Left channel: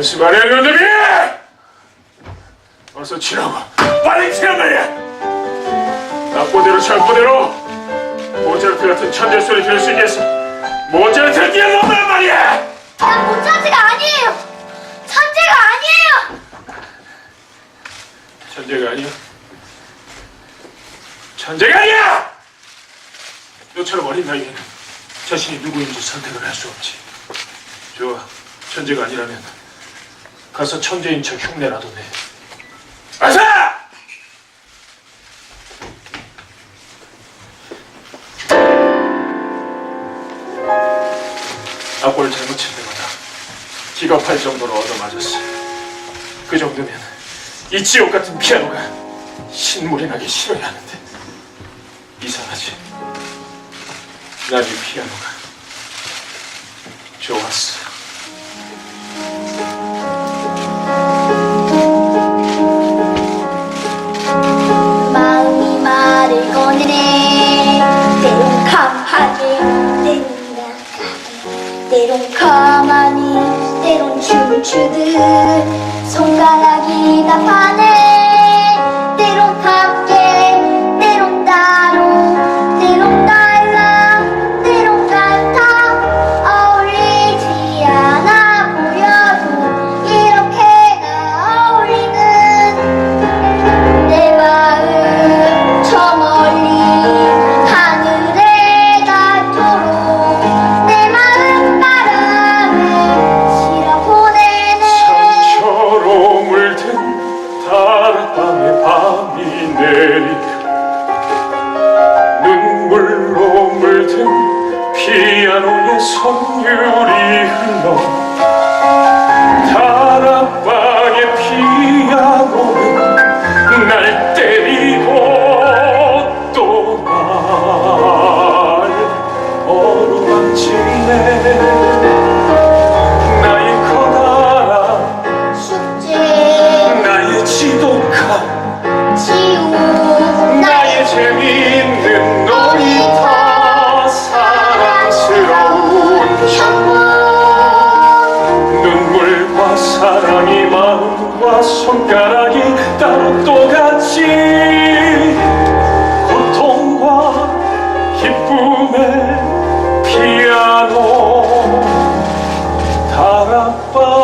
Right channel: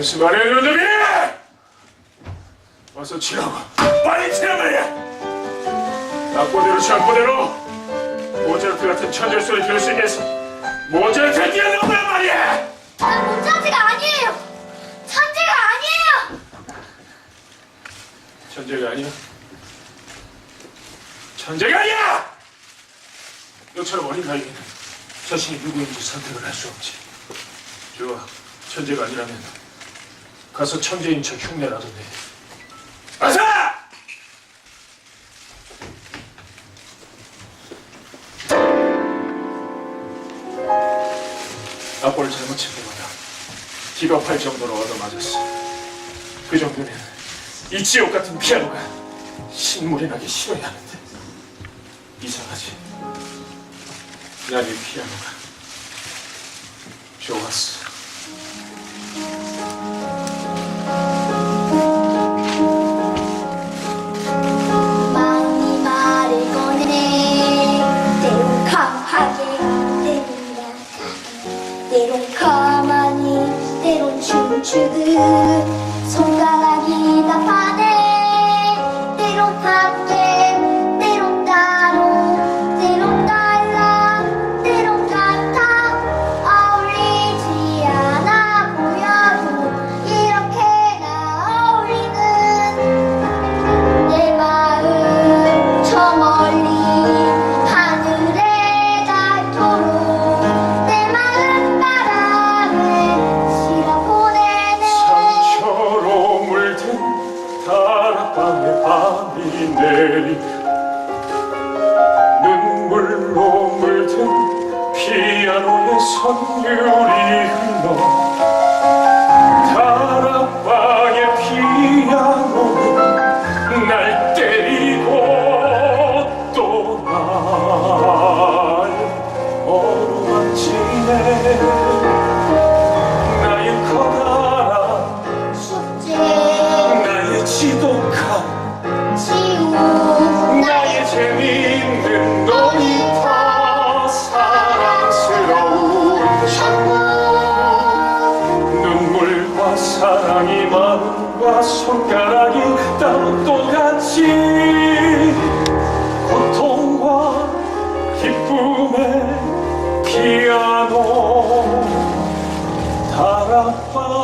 연습 안 해야 놈이! 어서 치라고 빨리 치란 말이야 낙보대로 창보대로 모차르트 같은 천재 소리 들을 수 있겠어 모차르트 뛰어넘으란 말이야 난 모차르트가 아니에요. 천재가 아니에요. 천재가 아니야 천재가 아니야 너처럼 어린 나이에는 자신이 누구인지 선택을 할 수 없지. 좋아. 천재가 아니라면 가서 천재인 척 흉내라도 내. 어서! 악보를 잘못 칠 때마다 기겁할 정도로 얻어맞았어. 그 정도면 이 지옥 같은 피아노가 신물이 나기 싫어야 하는데 이상하지 난이 피아노가 좋았어 마음이 말을 꺼내네. 때론 강하게, 때론 약하게, 때론 가만히, 때론 춤추듯 손가락이 나타내. 다락방 손가락이 따로 똑같이 고통과 기쁨의 피아노 다락방